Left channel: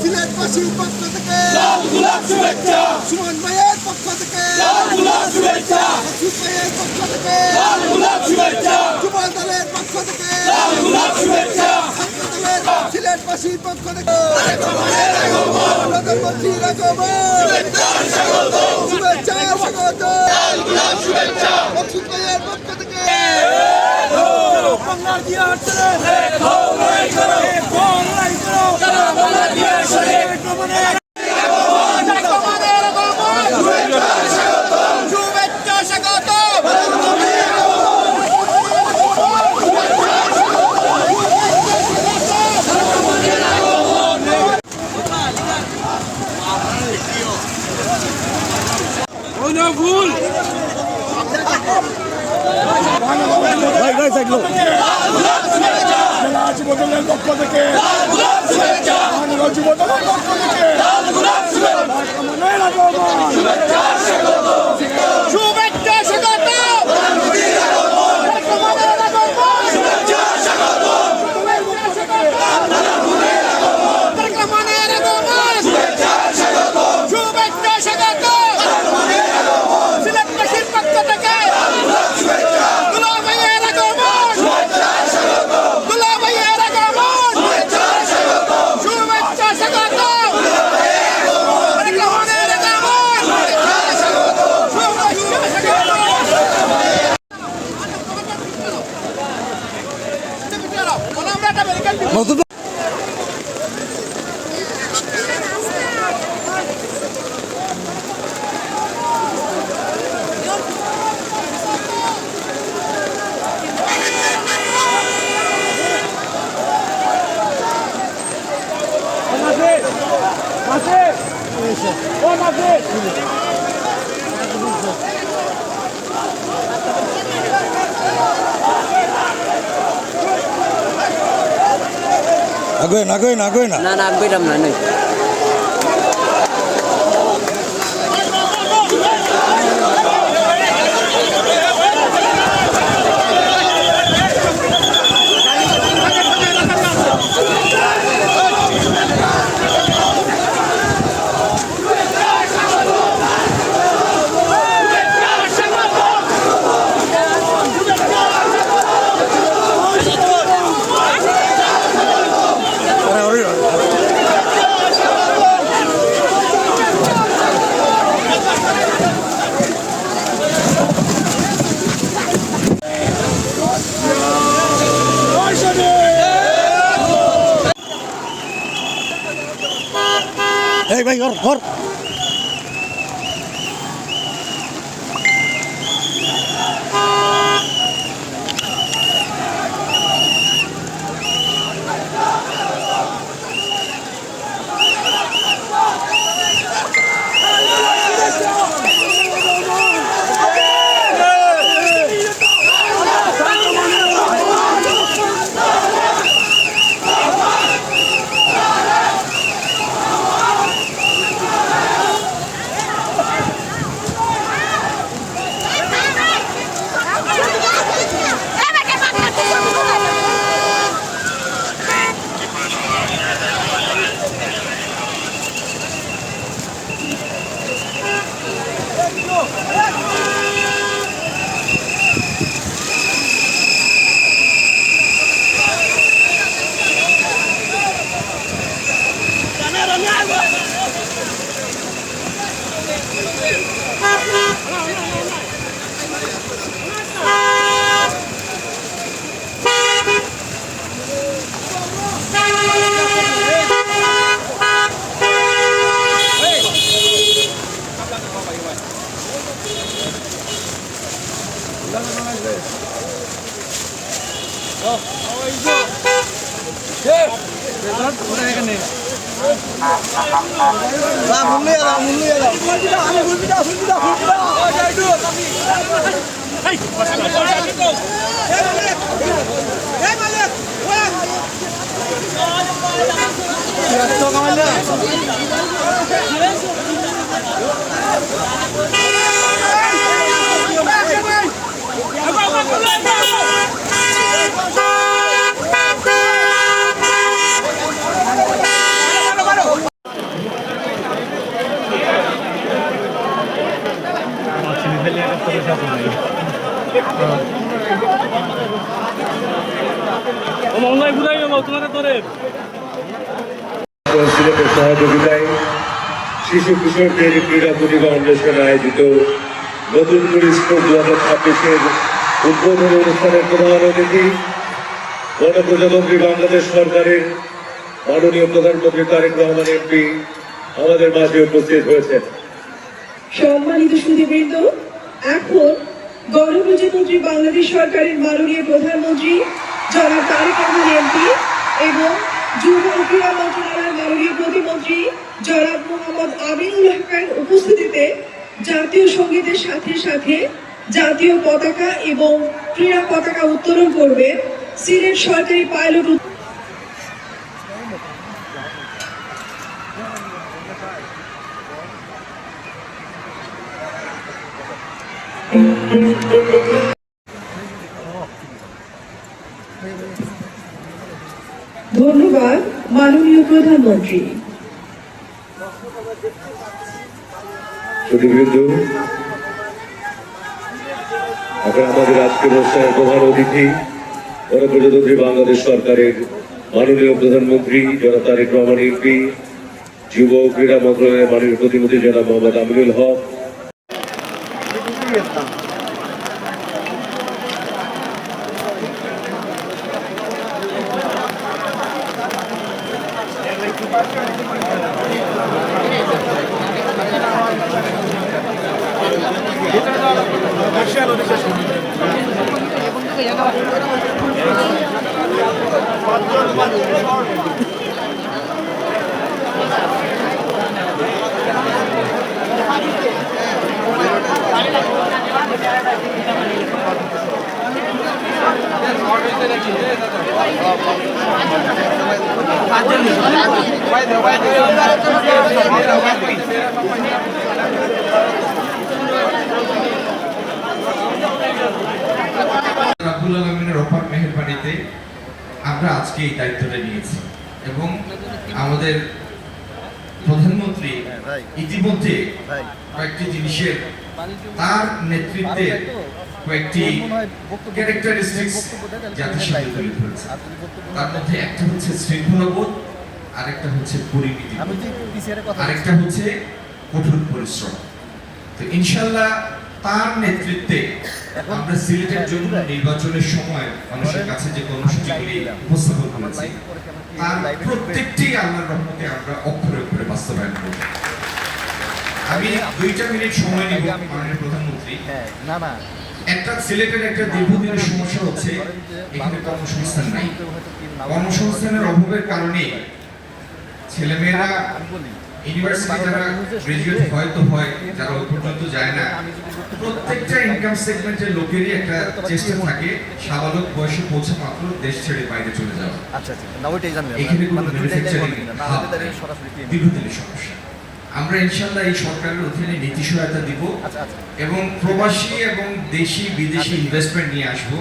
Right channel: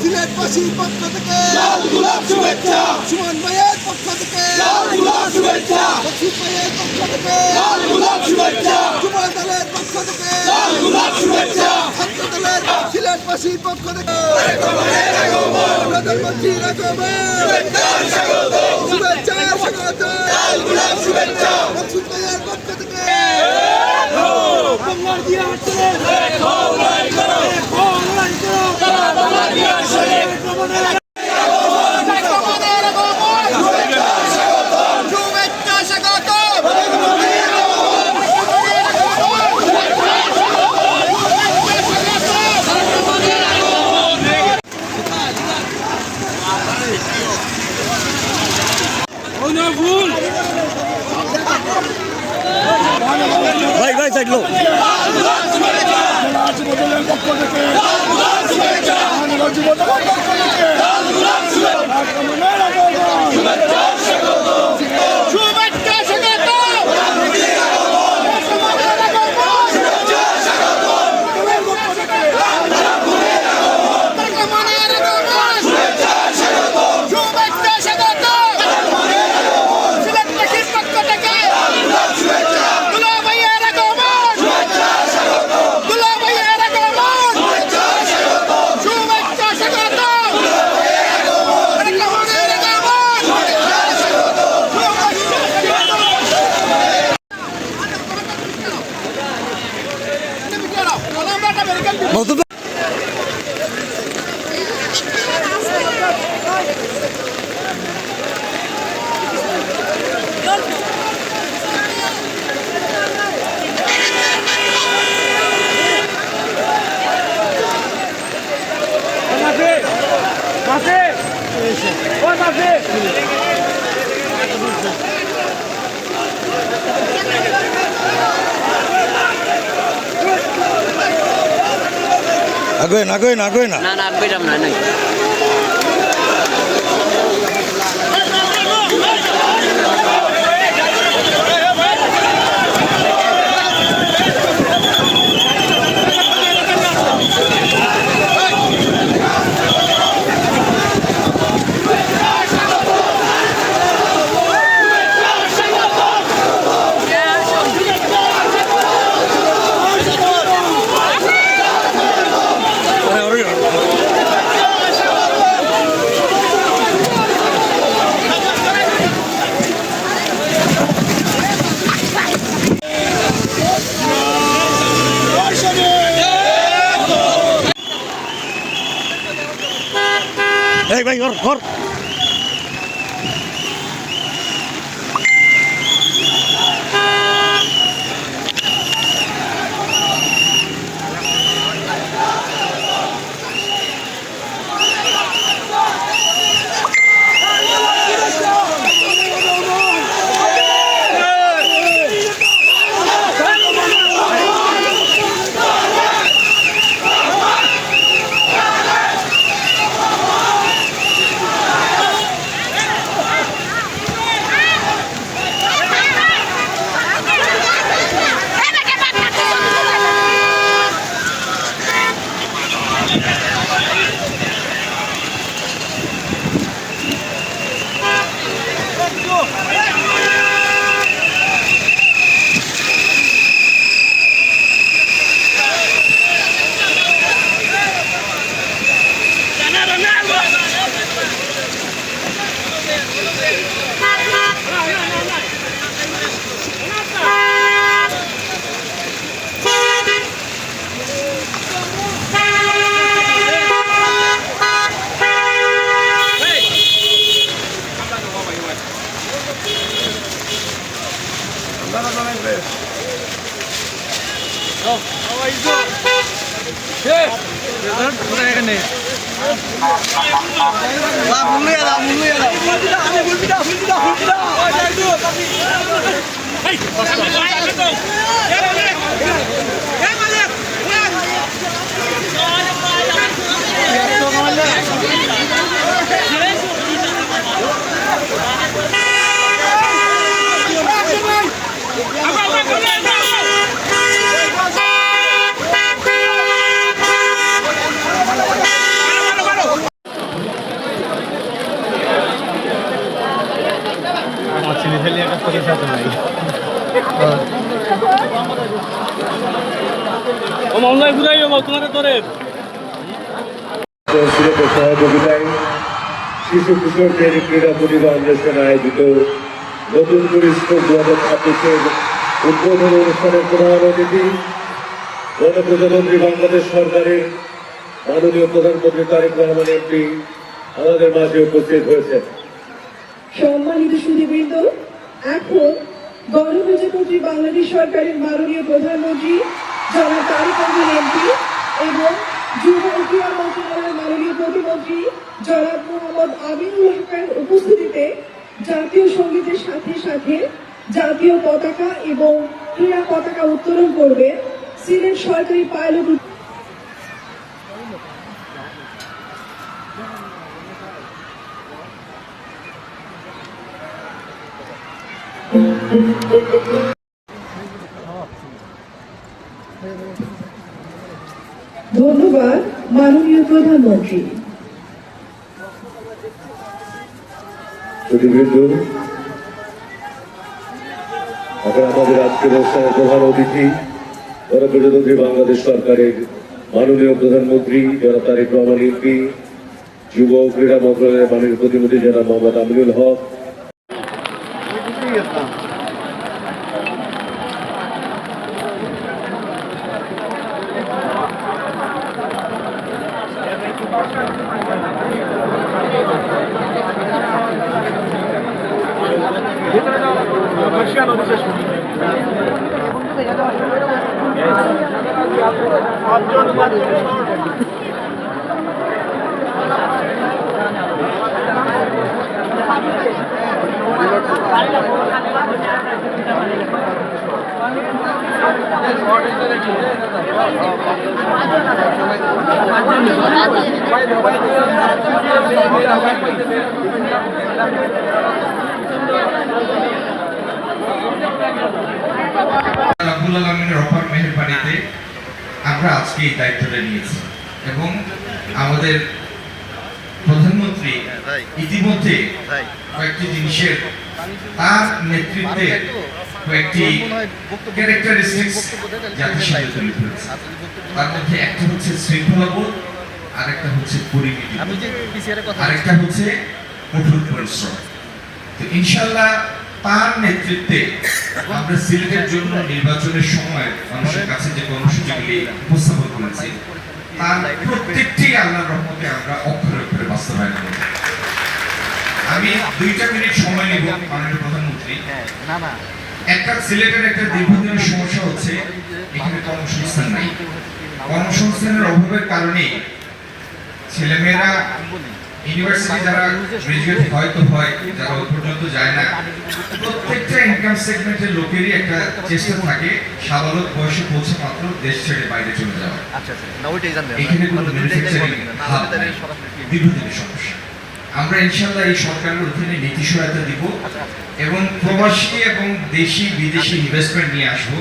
সিলেটবাসীর পক্ষ থেকে সুমন ভাইয়ের পক্ষ থেকে মকসুদ ভাইয়ের পক্ষ থেকে যুব দলের পক্ষ থেকে ছাত্র দলের সিলেটবাসীর পক্ষ থেকে প্রধানমন্ত্রীর শুভেচ্ছা মকসুদ ভাইয়ের পক্ষ থেকে বাংলার দিয়ে হাঁটতে ভুল ভাই ভাই সাইড লো জেলা যুব দলের পক্ষ থেকে যুব দলের পক্ষ থেকে আগে না আগে না আগে না না আগে না নাই এই ভাই ঘর সিলেটের সহযোগিতায় শিশু কিশোরদের ক্রীড়া প্রতিভা অন্বেষণ আয়োজিত নতুন করে স্কুল 2026-এর উদ্বোধন অনুষ্ঠানের প্রধান অতিথি গণপ্রজাতন্ত্রী বাংলাদেশ সরকারের মাননীয় প্রধানমন্ত্রী তারেক রহমান এমপি আমাদের মাঝে উপস্থিত হয়েছেন। সম্মানিত সুধীবৃন্দ, এখন গণপ্রজাতন্ত্রী বাংলাদেশ সরকারের মাননীয় প্রধানমন্ত্রী জনাব তারেক রহমান এমপি এবং যুব ও ক্রীড়া মন্ত্রণালয়ের মাননীয় প্রতিমন্ত্রী জনাব মোহাম্মদ আমিনুল হকের উপস্থিতিতে জাতীয় সঙ্গীতের সাথে সাথে জাতীয় পতাকা এবং ক্রীড়া পতাকা উত্তোলন করবে সিলেট সরকারি পাইলট ধন্যবাদ মাননীয় প্রধানমন্ত্রী। এখন আমাদের আজকের অনুষ্ঠানের প্রধান অতিথি গণপ্রজাতন্ত্রী বাংলাদেশ সরকারের মাননীয় প্রধানমন্ত্রী জনাব তারেক রহমান এমপি, যুব ও ক্রীড়া মন্ত্রণালয়ের মাননীয় প্রতিমন্ত্রী জনাব মোহাম্মদ আমিনুল হক, মেহেরবানিতে আমরা আজকে এই দায়িত্বটা নিয়েছি এবং আমাদের প্রধানমন্ত্রী ইতিমধ্যে কয়েকটি জিনিসের তার নেতৃত্বে কয়েকটি ক্যারেক্টারিস্টিক্স জাতির সাথে তৈরি করেছে। তার মধ্যে একটা হচ্ছে শৃঙ্খলাবোধ, আরেকটা হচ্ছে পরিণতি, আরেকটা হচ্ছে কঠোর পরিশ্রম। তো ইনশাআল্লাহ তার নেতৃত্বে আমরা সিলেটের জন্য নির্বাচনের সময় মানুষের কাছে যে কর্মসূচিগুলি উপস্থাপন করেছি তার প্রত্যেকটি আল্লাহর রহমতে আমরা অক্ষরে অক্ষরে বাস্তবায়ন করব। আমি 2 মিনিট সময় নেব মাননীয় প্রধানমন্ত্রী। একটা সিলেটের একটা দীর্ঘদিনের সমস্যা হচ্ছে এখানে কর্মসংস্থান নাই। কর্মসংস্থানের অভাবের কারণে ছেলেমেয়েরা ইউনিভার্সিটি যারা গ্রাজুয়েট হয়তো হয়, যারা ওই পর্যন্ত যায় না, প্রত্যেকটা ইনকাম সেগমেন্টের লোকেরই একটা চেষ্টা থাকে সাবালক বয়সে পৌঁছে মাত্র দেশ ছেড়ে বাইরে চলে যাওয়া। এখানে কোনো ম্যানুফ্যাকচারিং হাব নেই, দীর্ঘদিনের সমস্যা। আমরা ইনশাআল্লাহ এই সরকারের অধীনে নীতি সহায়তা দিব এবং প্রবাসী এবং দেশি বিদেশি ইনভেস্টমেন্ট নিয়ে আসবো।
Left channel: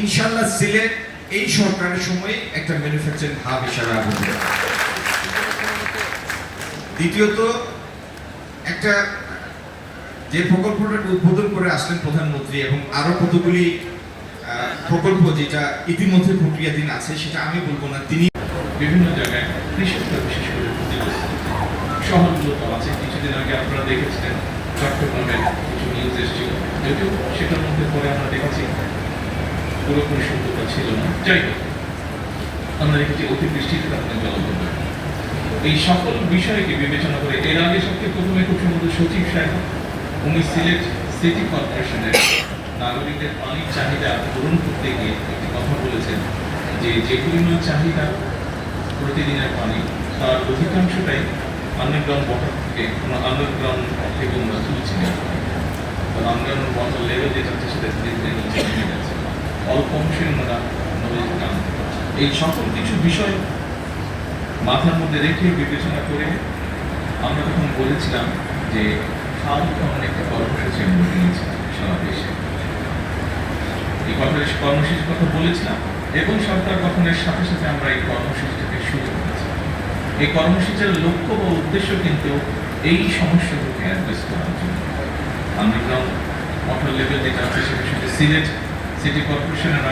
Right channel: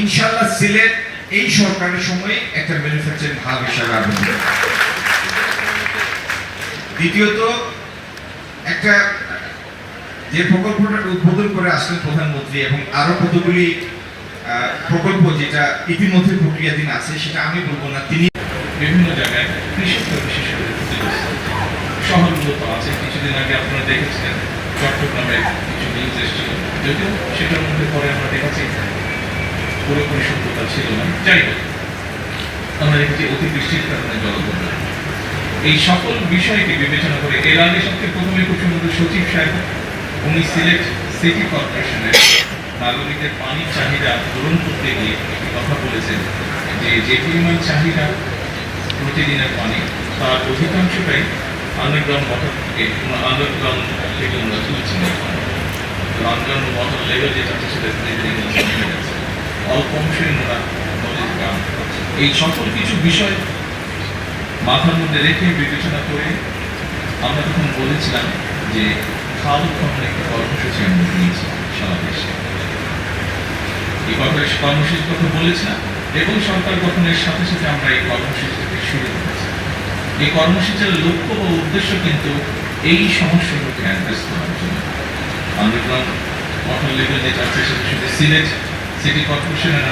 ইনশাআল্লাহ সিলেট এই সরকারের সময়ে একটা ম্যানুফ্যাকচারিং হাব হিসাবে আরম্ভ হবে। দ্বিতীয়ত, একটা যে প্রকল্পটা উদ্বোধন করে আসলেন প্রধানমন্ত্রী এবং আরো কতগুলি প্রকল্প যেটা ইতিমধ্যে প্রক্রিয়াধীন আছে, সেটা আমি বলবো না, তিনি বিভিন্ন জায়গায় কৃষকরা বিশেষ করে শহরগুলো আছে। কিছুদিন আগে আপনারা দেখেছিলেন চট্টগ্রামের কিছু নিউজ এসেছিল, যদিও সেটার মধ্যে পরে আমরা দেখেছি পুরোপুরি সত্যতা ছিল না। যাই হোক, আমরা দেখেছি অতিবৃষ্টির কারণে জলবন্টন। এই সকল বিষয়কে বিবেচনা করে এর আগে সবচেয়ে প্রথমে কুশলমন্ত্রী সচিব সাহেব উনি সিলেট সিটি কর্পোরেশনের নাগরিকদের পানির চাহিদা পূরণ করতে গিয়ে একটি কথা বলেছেন যে যে পরিমাণ চাহিদা প্রতিদিনের পানি তার অধিকাংশটাই আন্ডারগ্রাউন্ড ওয়াটার থেকে আমরা তুলছি না। আন্ডারগ্রাউন্ড ওয়াটার লেভেল যেটা আছে সেটা ধীরে ধীরে কমে যাচ্ছে, অল্প অংশে ওনারা নদীতে কাম। এই সকল কিছু বিষয় মাথার মধ্যে রেখে বিবেচনা করে আমরা তখন বলেছিলাম যে খাল খনন একটা কর্মসূচি আমরা নিয়েছি সারা দেশে। এই কর্মসূচির কথা বলেছিলাম এবং সরকার গঠনের সাথে সাথে আমরা এই কর্মসূচিটি শুরু করেছি। এই কর্মসূচির লক্ষ্য বা উদ্দেশ্য কিন্তু এই সমস্যাগুলোকে অ্যাড্রেস করার জন্য। আন্ডারগ্রাউন্ড ওয়াটার লেভেল যেটা আছে সেটা শুধু সিলেট সিটি কর্পোরেশনের